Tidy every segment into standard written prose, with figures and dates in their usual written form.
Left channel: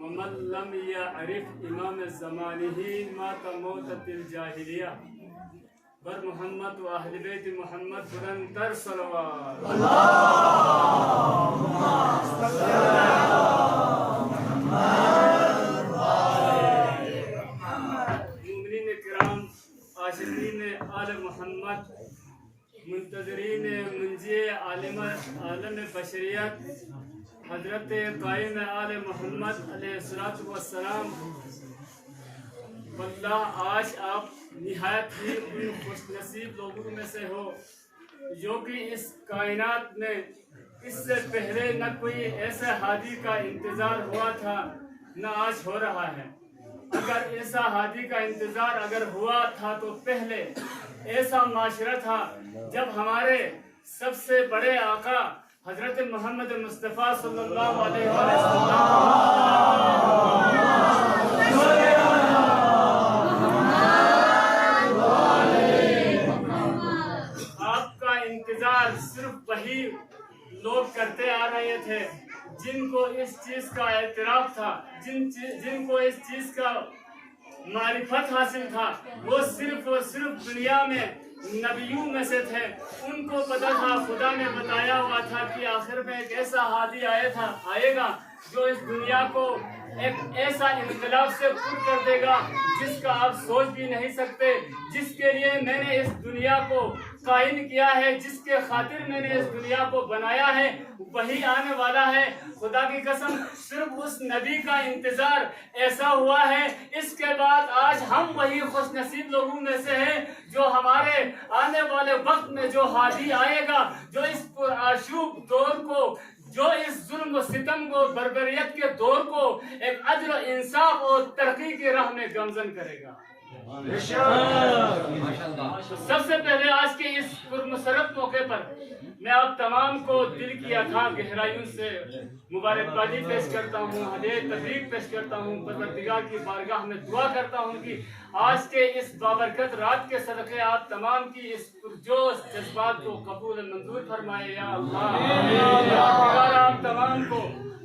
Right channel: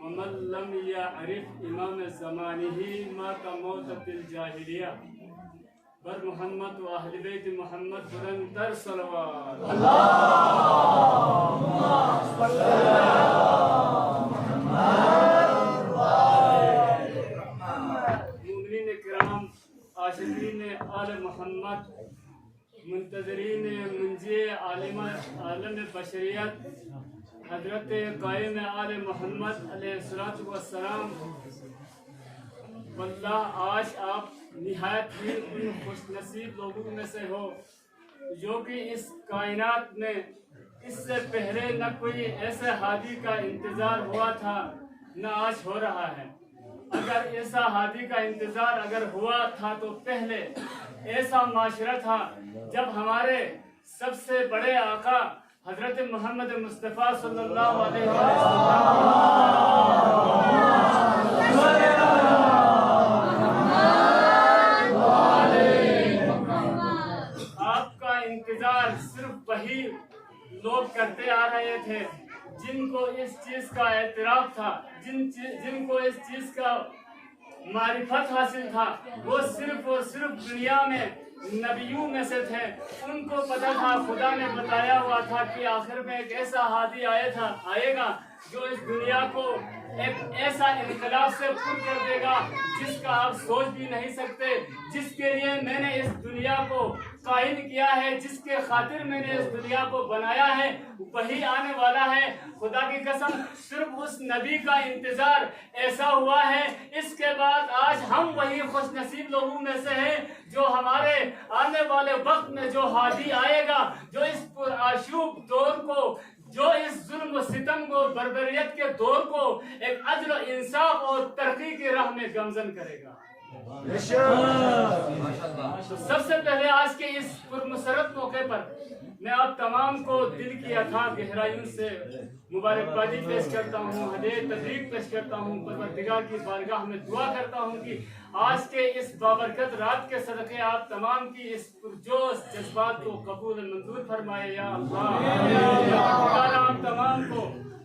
ومن لم يعرف امام زمانه مات موتة الجاهلیہ بر محمد و اہل بیت محمد بلندر صلوات مومنین کرام، عاشقین آل محمد، منتظرین منجی عالم بشریت حضرت قائم آل محمد علیہ السلام، واللہ آج آپ نہایت ہی ان خوش نصیب لوگوں میں سے ہو جو کہ اس کائنات میں اس سے پہلے نہ کوئی ایسے ہادی کا انتظار ہوا تھا نہ آج ہو رہا ہے۔ اگر ایسا ہادی کا انتظار اگر ہوا تھا تو پہلے ایسا معاشرہ تھا جب ہمارے سب سے بڑے آقا حضرت محمد مصطفیٰ صلی اللہ علیہ وسلم آپ کا انتظار صرف وہی لوگ کرتے آ رہے تھے جن کو اس چیز کا اعتراف تھا، جن کو اس چیز کا معرفت حاصل تھا۔ وہ صرف اور صرف دنیا میں نبیوں میں سے تھے، ان کو پتہ تھا، خدا نے بتایا ہوا تھا کہ آخر میں ایک ایسا ہادی آئے گا جو اس دنیا کو ایک ایسا انقلاب سے پر کر دے گا جس کا آپ سوچ بھی نہیں سکتے، جس کے لیے میں نے اس دنیا کو قائم کیا ہے، جس کے خاطر میں نے اس دنیا کو بنایا ہے، وہی آنے والا ہے۔ خدا کی قسم صرف اس نبی کا انتظار ایسا ہوا ہے، اس کے بعد آج ہم وہی خوش نصیب لوگوں میں سے ہیں جو ہمارے آنے والے وقت میں جو ہادی آئے گا، جو اس پرآشوب دور کو، جو اس ظلم و ستم کو، بربریت کے دور کو ایک عدل و انصاف اور ترقی کی راہ میں گامزن کرے گا۔ سب سے پہلے آج کے اس پرمسرت موقع پر میں آپ تمام کو دل کی اتھاہ گہرائیوں سے مبارکبادی پیش کرتا ہوں، ہدیہ تبریک پیش کرتا ہوں، پروردگار کی بارگاہ میں دعا کرتا ہوں کہ آج کے اس بابرکت رات کے صدقے آپ تمام کی اس پرجوش جذبات کو قبول منظور فرمائے یا اللہ۔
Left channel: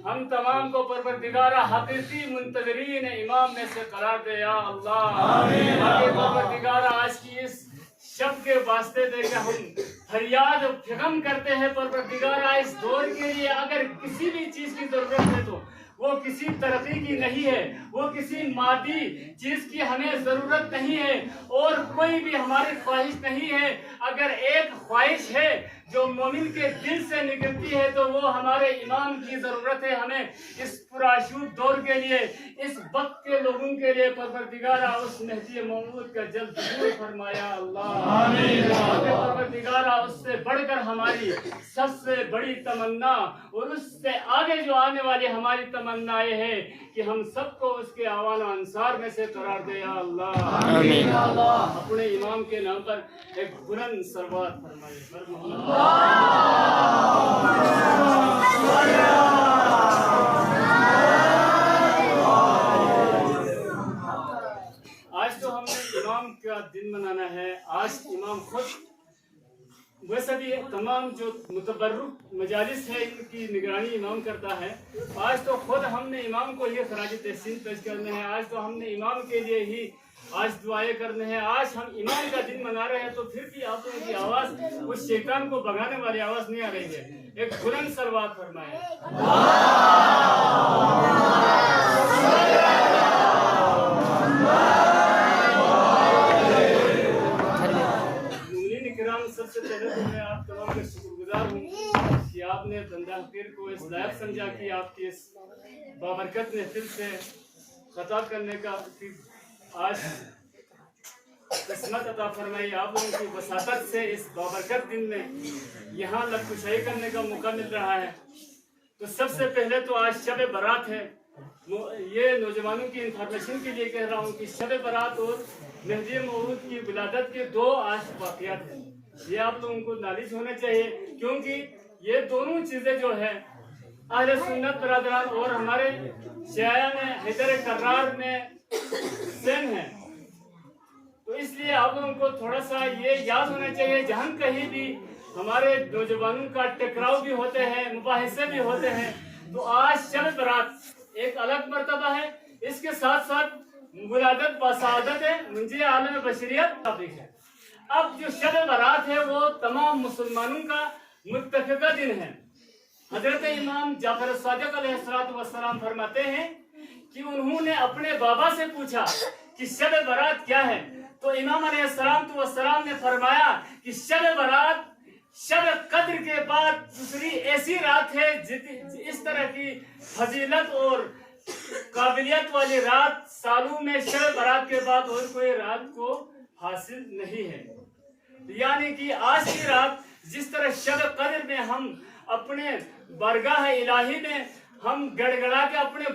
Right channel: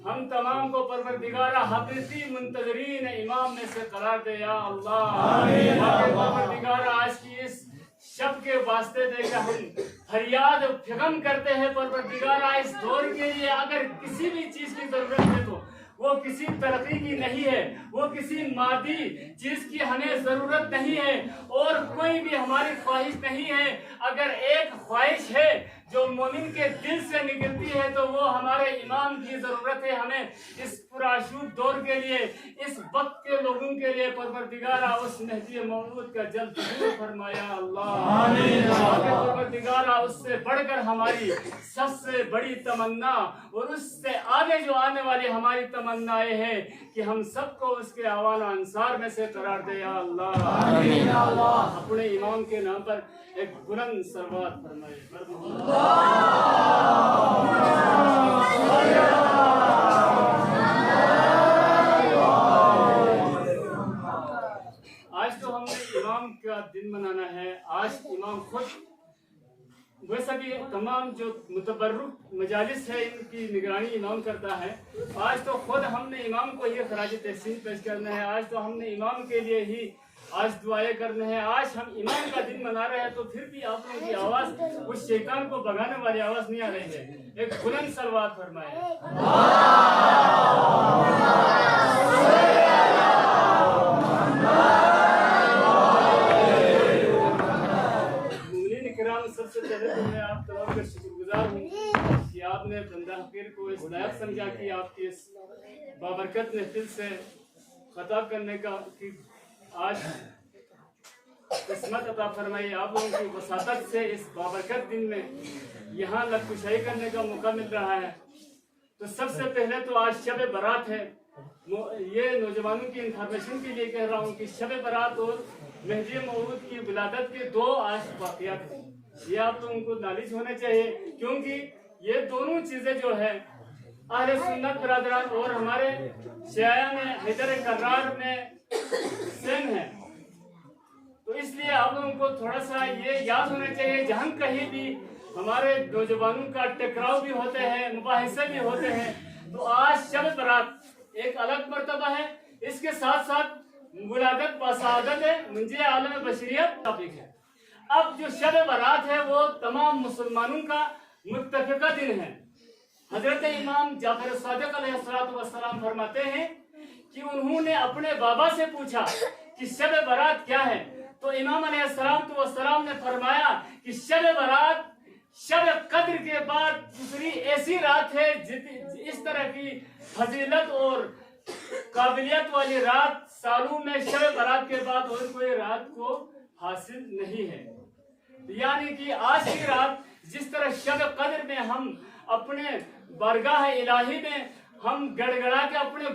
ہم تمام کو پروردگارہ حقیقی منتظرین امام میں سے قرار دے یا اللہ۔ پروردگارہ آج کی اس شب کے واسطے دے کے ہم فریاد فغم کرتے ہیں پروردگارہ اس دور کے لیے اگر کسی بھی چیز کی ضرورت ہے تو وہ کسی ترقی کی نہیں ہے، وہ کسی مادی چیز کی ہمیں ضرورت نہیں ہے اور کوئی بھی ہماری خواہش نہیں ہے۔ اگر ایک خواہش ہے جو مومن کے دل سے نکلتی ہے تو وہ ہمارے امام کی ضرورت ہے۔ ہمیں اس پرآشوب دور کے لیے، اس وقت کے لوگوں کے لیے پروردگارہ اس مہدی موعود کا جلد ظہور فرمایا اللہ۔ پروردگارہ اس سے بڑھ کر ہماری سب سے بڑی تمنا اور اس سے آگے جو آنے والی ہماری تمنائیں ہیں کہ ہم سب کو اس کے اعوان و انصار میں سے قرار دے یا اللہ۔ اپنے امام کے نام پر ایک بلند صلوات فرمائے۔ آج تو ہم نے امام کا دن منانا ہے، آج امام خود، ویسے بھی تمام جو متبرک مجالس ہے ان کی نگرانی امام کرتا ہے، آج تو خود ہم نے امام کو یہ خراج تحسین پیش کرنا ہے، آج تو ہم نے امام کے لیے ہی آج دعائیں کرنے ہیں۔ آج ہم امام کا دن منا رہے ہیں تو پھر بھی آپ لوگوں کی آواز اس شیطان کو بھگانے والی آواز نہیں آ رہی ہے، ایک بلند صلوات فرمائے۔ سب سے پہلے تو میں آپ تمام کا شکر گزار ہوں کہ آپ نے بندہ حقیر کو اس لائق سمجھا کہ آپ کی اس بابرکت محفل سے خطاب کرنے کا آج قسمت عطا فرمائی، آپ لوگوں کی وساطت سے اس بابرکت دن میں یہاں لبکشائی کرنے کا موقع مل رہا ہے۔ تو سب سے پہلے تو آج شب برات ہے، یہ نوجوانوں کی انفارمیشن کے لیے کہہ رہا ہوں کہ شب برات اور مہدی موعود کی ولادت کے دو آج واقعات ہیں، یہ آپ لوگوں کو نالج ہونا چاہیے کیونکہ یہ دونوں چیزیں جو ہے اہل سنت برادران اور ہمارے شیعیان حیدر کرار میں سیم ہیں، تو اس لیے آپ لوگوں کو تھوڑا سا یہ یاد ہونا چاہیے جہاں کہیں بھی ہمارے نوجوانوں کا ٹکراؤ بھی ہوتے ہیں، مباحثے بھی ہوتے ہیں، تو آج شب برات ایک الگ مرتبہ ہے، اس کے ساتھ ساتھ ولادت و سعادت ہے، منجی عالم بشریت ٹاپک ہے۔ اب جو شب برات ہے وہ تمام مسلمانوں کا متفقہ دن ہے۔ حضرت امام جعفر صادق علیہ السلام فرماتے ہیں کہ انہوں نے اپنے بابا سے پوچھا کہ شب برات کیا ہے، تو امام علیہ السلام نے فرمایا کہ شب برات شب قدر کے بعد دوسری ایسی رات ہے اس طرح کی فضیلت اور قابلیت والی رات سالوں میں شب برات کے بعد اور کوئی رات کو حاصل نہیں ہے۔ یعنی کہ آج کی رات جس طرح شب قدر میں ہم اپنے بارگاہ الہی میں ہم گڑ گڑا کے اپنے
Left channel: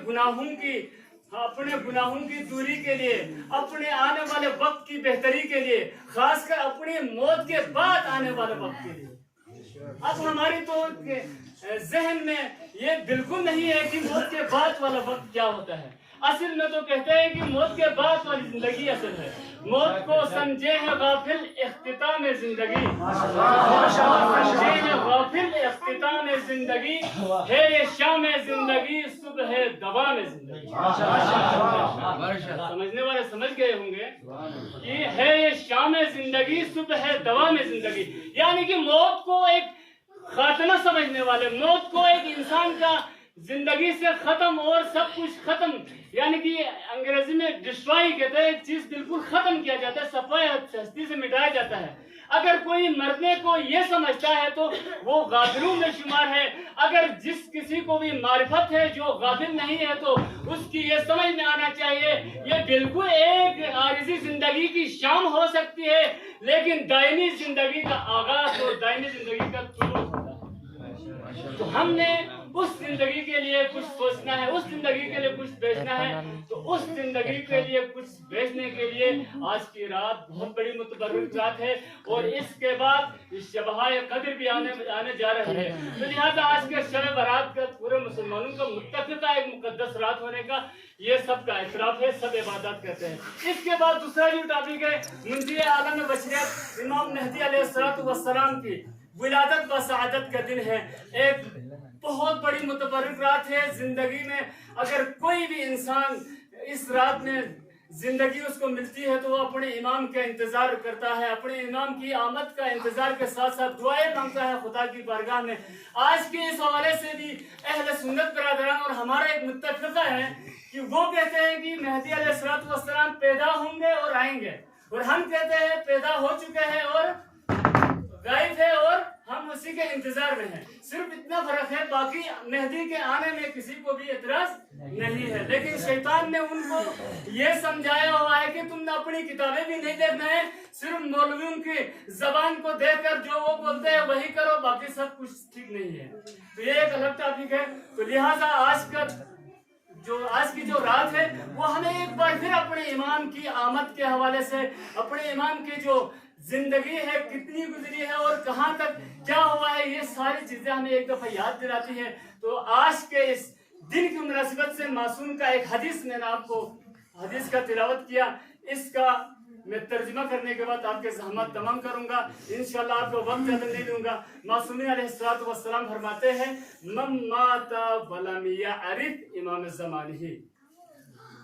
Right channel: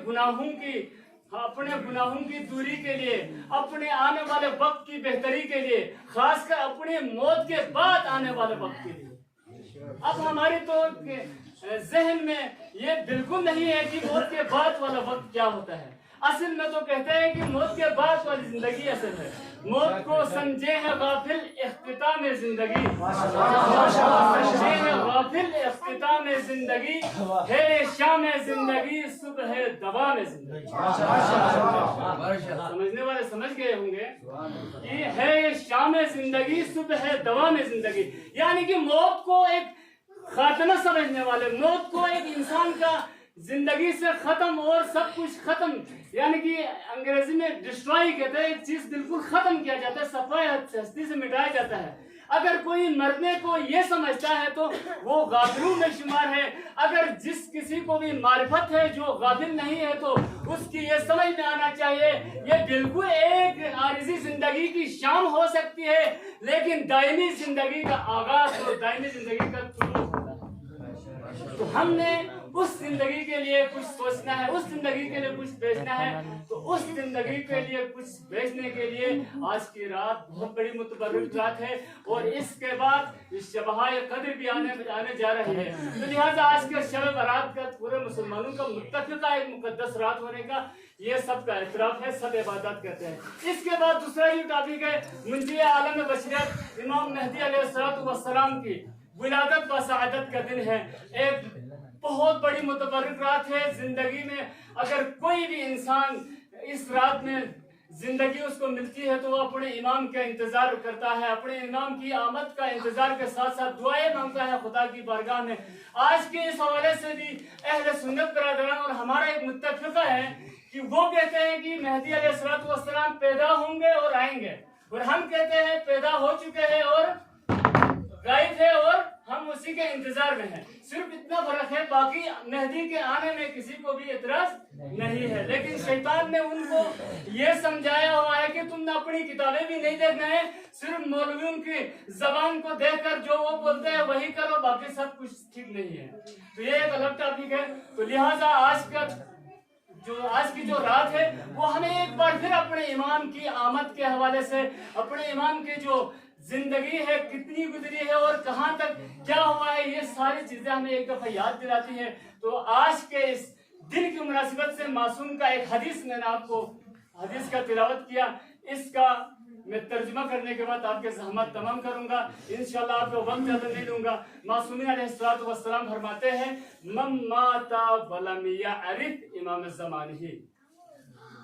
گناہوں کی دوری کے لیے، اپنے آنے والے وقت کی بہتری کے لیے، خاص کر اپنی موت کے بعد آنے والے وقت کے لیے، اب ہماری تو ذہن میں یہ بالکل نہیں ہے کہ موت کے بعد والا وقت کیا ہوتا ہے۔ اصل میں تو کہتے ہیں کہ موت کے بعد والی زندگی اصل ہے۔ موت کو سمجھے ہیں غافل اختتام زندگی، سمجھے ہیں غافل اختتام زندگی، ہے شام زندگی صبح دوام زندگی۔ سمجھنے والے سمجھ گئے ہوں گے کہ ہے شام زندگی صبح دوام زندگی، یعنی کہ موت کو ایک خاتمہ سمجھنے والے، موت کو ایک انسان کا زندگی سے ختم اور سب کچھ ختم، یعنی کہ انگریزی میں ڈسٹرائی کہتے ہیں، ایک چیز بالکل ختم کیا جاتا ہے، صفائی ہستی سے مٹایا جاتا ہے۔ اگر کوئی مرنے کو یہ سمجھتا ہے تو وہ غافلوں میں شمار ہے۔ اگر جس کسی کو بھی معرفت ہے جو غافل نہیں ہے تو اس کی یہ سمجھ میں آنا چاہیے یہ بالکل ایک عارضی زندگی کی شام ہو سکتی ہے، لیکن دائمی زندگی کا آغاز اور دائمی زندگی کا طلوع ہوتا ہے۔ تو ہم نے اس زندگی کے لیے کچھ سوچنا ہے، اس زندگی کے لیے کچھ بیچنا ہے، تو اس زندگی کے لیے کچھ بیچنے کے لیے آج کی رات بہت بڑی متبرک رات ہے، اور اس کے بعد شبہ قدر بھی آنے جا رہی ہے۔ تو لہٰذا آج کے شب برات کا پورے مسلمانوں کا متفقہ ایک مقدس رات ہونے کا یہ سب کا اعتراف ہے، سب عبادت کرتے ہیں۔ اس کے بعد دوسرا جو ٹاپک ہے منجی عالم بشریت امام مہدی علیہ السلام کی ولادت و سعادت کا دن ہے۔ ایک بہت بڑی متبرک رات ہے زندگی میں۔ اگر کوئی بھی انسان اس رات میں زندگی اس کو ملتی ہے تو وہ اپنے امام کا انتظار کرتا ہے، اپنے امام کی آمد کا انتظار کے ساتھ ساتھ دعائیں مانگتا ہے خدا کی بارگاہ میں۔ آج کے اس حوالے سے بھی اہل سنت برادران اور ہمارا ایک متفقہ ہے کہ وہ کہتے ہیں کہ مہدی علیہ السلام پیدا ہوں گے اور آئیں گے، اور ہم کہتے ہیں پیدا ہو چکے ہیں اور غائب ہے اور ہم اسی کے انتظار میں ہیں۔ صرف اتنا فرق ہے، باقی مہدی کے آنے میں کسی کو بھی اعتراض نہیں ہے، لیکن شیطان نے ان کو یہ سمجھایا ہوا ہے کہ تم نے اپنی کتابیں بھی نہیں دیکھنا ہے، صرف مولویوں کی زبان کو دیکھ کر جو وہ بولتے ہیں وہی کرو، باقی سب کچھ ٹھیک نہیں ہے۔ تو یہ ایک الگ ٹاپک ہے۔ تو لہٰذا آج کی جو رات ہے وہ ہمیں ایک بار پھر اپنے امام کی آمد کے حوالے سے، اپنے امام کی جو زندگی ہے کتنی گزری ہے اور کہاں تک کیا ہوا ہے، یہ ساری چیزیں ہمیں ایک دفعہ یاد دلاتی ہیں۔ تو آج کے اس دن کی مناسبت سے معصوم کا ایک حدیث میں نے آپ کو حدیث کا تلاوت کیا، اس کا میں ترجمہ کرنے کے بعد آپ کے زحمت تمام کروں گا، انشاءاللہ آپ کو وقت زیادہ نہیں لوں گا۔ معصومین علیہ السلام فرماتے ہیں من مات ولم یعرف امام زمانہ،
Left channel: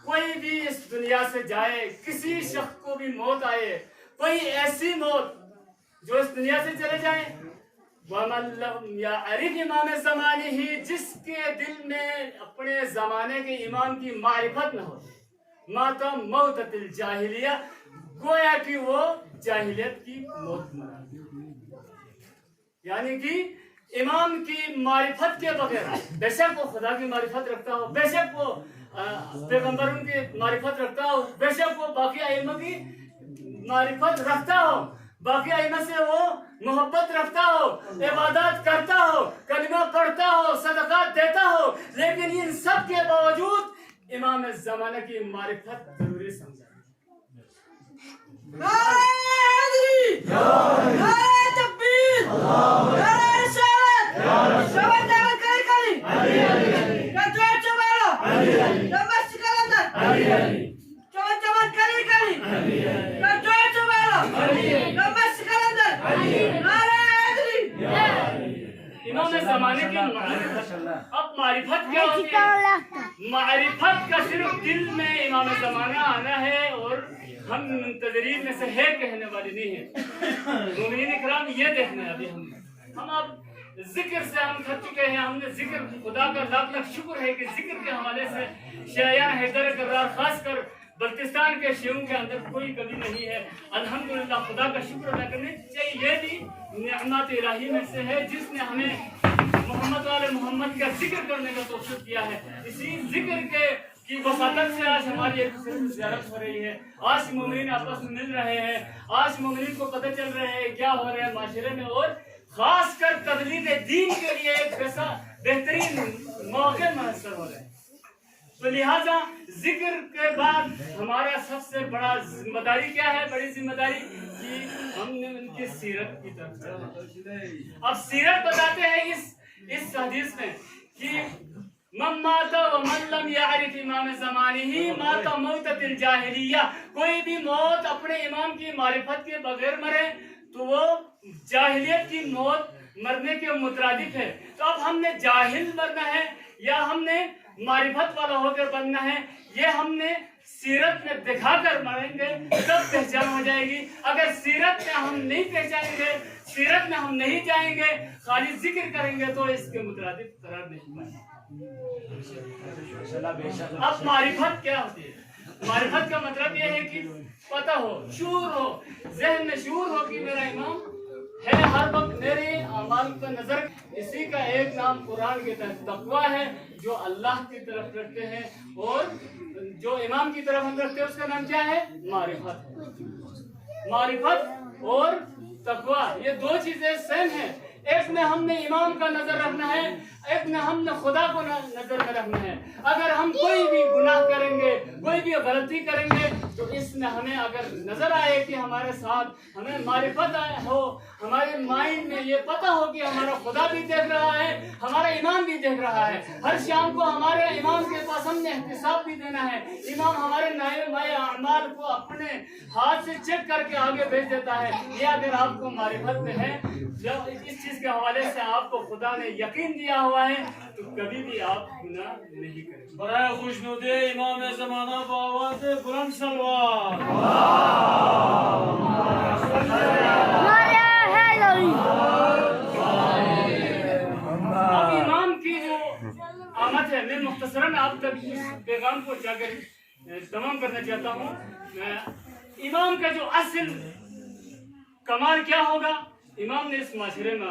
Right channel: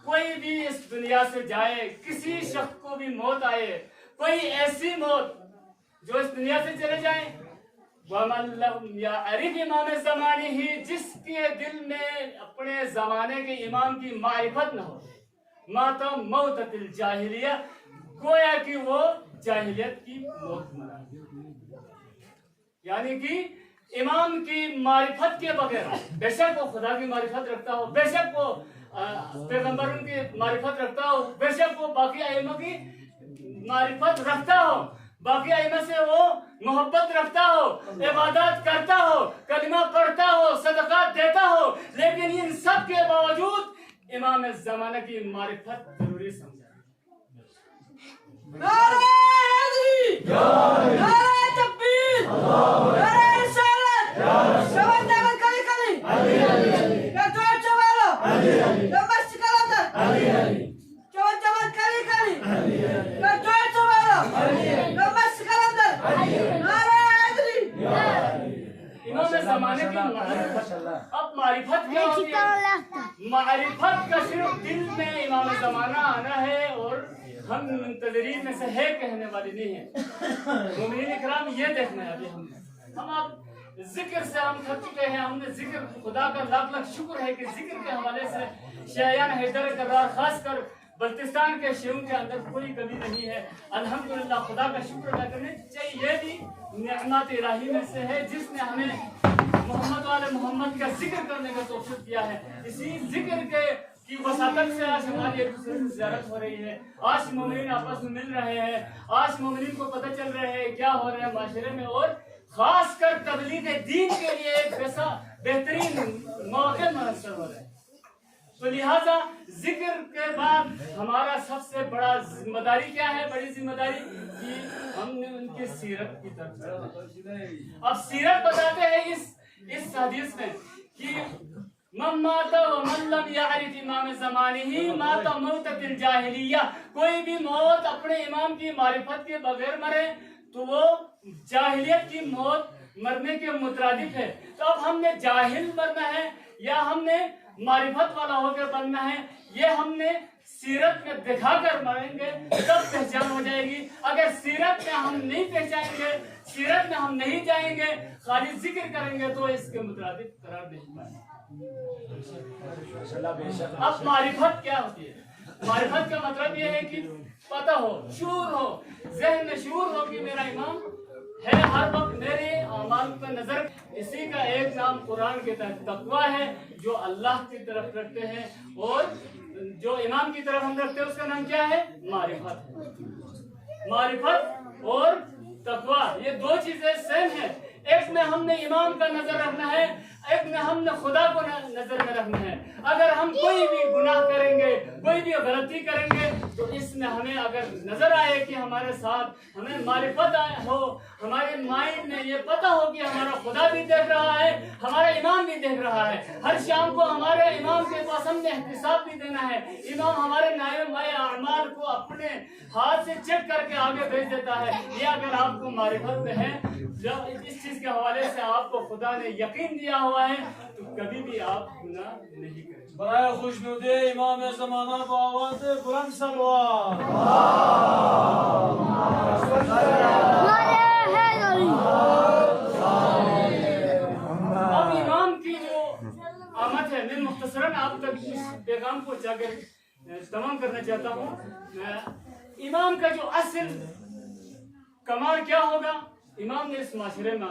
کوئی بھی اس دنیا سے جائے، کسی شخص کو بھی موت آئے، کوئی ایسی موت جو اس دنیا سے چلے جائیں، وَمَن لَمْ يَعْرِفْ امام زمانہ، جس کے دل میں اپنے زمانے کے امام کی معرفت نہ ہو، مَاتَ مَوْتَةِ الْجَاهِلِيَّةِ، گویا کہ وہ جاہلیت کی موت مرا، یعنی کہ امام کی معرفت کے بغیر، بے شک وہ خدا کی معرفت رکھتا ہو، بے شک وہ پیغمبروں کی معرفت رکھتا ہو، بے شک وہ باقی ائمہ کی معرفت رکھتا ہو، باقی ائمہ سے وہ محبت رکھتا ہو، عبادات کرتا ہو، کلمہ پڑھتا ہو، صدقات دیتا ہو، لیکن ان سب کے باوجود امام زمانہ کی معرفت ضروری سمجھا۔ نعرہ حیدری، نعرہ تکبیر، نعرہ رسالت، شباب دعوت کری کری، نتوے چوالو، نمستی کلندر، چوان کری کری، نتوے چوالو، نمستی کلندر، نعرہ حیدری۔ امام زمانے کی معرفت، اب اب معرفت کیا ہوتی ہے؟ معرفت کا صرف دل میں امام زمانہ آنا ہے، اور ہم منتظرین میں سے ہے کہنے والے نہیں ہیں۔ مومنین اکرام یہ دیکھنا ہے ابھی ہم اب ذکر سے ہم تھک چکے ہیں۔ ہم نے ذکر، خدا کا لاکھ لاکھ شکر ہے کہ ذکر کے حوالے سے شیعان حیدر کرار، خاص کر بلتستان کے شیعوں کے اندر کوئی کمی نہیں ہے۔ الحمدللہ خدا کا شکر ادا کرنے چاہیے۔ یہ بھی نعمت الہی میں سے ہے جس نے ہمیں محمد والے محمد کا ذکر کرنے کا توفیق دیا ہے۔ اسی ذکر کی وساطت سے آج ہماری ایک دوسرے سے زیارت ہو رہی ہے، آج مومنین آپس میں مل رہے ہیں، آج مومنین کو پتہ چل رہے ہیں کیا ہو رہا ہے معاشرے میں، اور خاص کر تبلیغ دین کے لیے ایک بہترین موقع میسر ہو رہے ہیں۔ تو لہٰذا ذکر کے بعد ہمارا سب سے بڑا ذمہ داری کیا ہے؟ بڑی ذمہ داری کہ ہم نے ان کی سیرت کی طرف چلنا۔ اب سیرت بتاتے ہیں اس حدیث میں کہ من مات ومن لم يعرف امام زمانہ مات موتۃ الجاہلیہ، کوئی بھی موت اپنے امام کی معرفت کے بغیر مرے تو وہ جاہلیت کی موت مرنے کے مترادف ہے۔ تو اب ہم نے جاہل مرنا ہے یا ہم نے معرفت والا ہو کر بننا ہے؟ یہ ہم نے سیرت میں دکھا کر مریں گے تب پہچان ہو جائے گی۔ اگر سیرت میں ہم نہیں پہچانیں گے، سیرت میں ہم نہیں جائیں گے، خالی ذکر کریں گے تو اس کے مترادف قرار نہیں پائیں گے۔ اب معرفت کیا ہوتی ہے؟ معرفت کا مطلب یہ ہے کہ پتہ ہو، شعور ہو، ذہن میں شعور ہو کہ میرا امام ہے، ہر وقت میرے اعمال کا نظر۔ اسی کا ایک نام قرآن کے تحت تقویٰ ہے، جو اللہ کی طرف رکھتے ہیں، اور جو امام کی طرف ہم رکھتے ہیں اس کا نام کیا ہے؟ معرفت۔ معرفت اور تقویٰ یہ دو چیزیں سیم ہیں۔ ایک میں ہم نے امام کا نظر رکھنا ہے، ایک میں ہم نے خدا کو نظر میں رکھنا ہے۔ اگر ہم کوئی بھی گناہ کریں گے، کوئی بھی غلطی کریں گے، تو اس میں ہمیں اگر نظر آئے کہ ہمارے ساتھ ہمیں معرفت ہو، ہمارے مائنڈ میں یہ پتہ ہو کہ ہمارا خدا بھی دیکھ رہا ہے، ہمارا امام بھی دیکھ رہا ہے، ہر شام کو ہمارے امام کے پاس ہم نے احتساب بھی دینا ہے، امام ہمارے نائے مائے اعمال کو اپنے ہاتھ سے چیک کر کے آگے بھیج دیتا ہے۔ یہ اگر آپ کو معرفت میں ہے، جب اس چیز کے حوالے سے آپ کو خدا نے یقین دیا ہوا ہے، تو کبھی بھی آپ گناہ نہیں کریں۔ برائے خوشنود امام زمانہ بآواز بلند صلوات۔ اب امام کی جو آمد ہے، میں مختصراً آپ تک اس پیغام کو جا کر تمام کرنا چاہتا ہوں۔ امام کا جو اصل کمال کیا ہوگا؟ امام نے اس معاشرے میں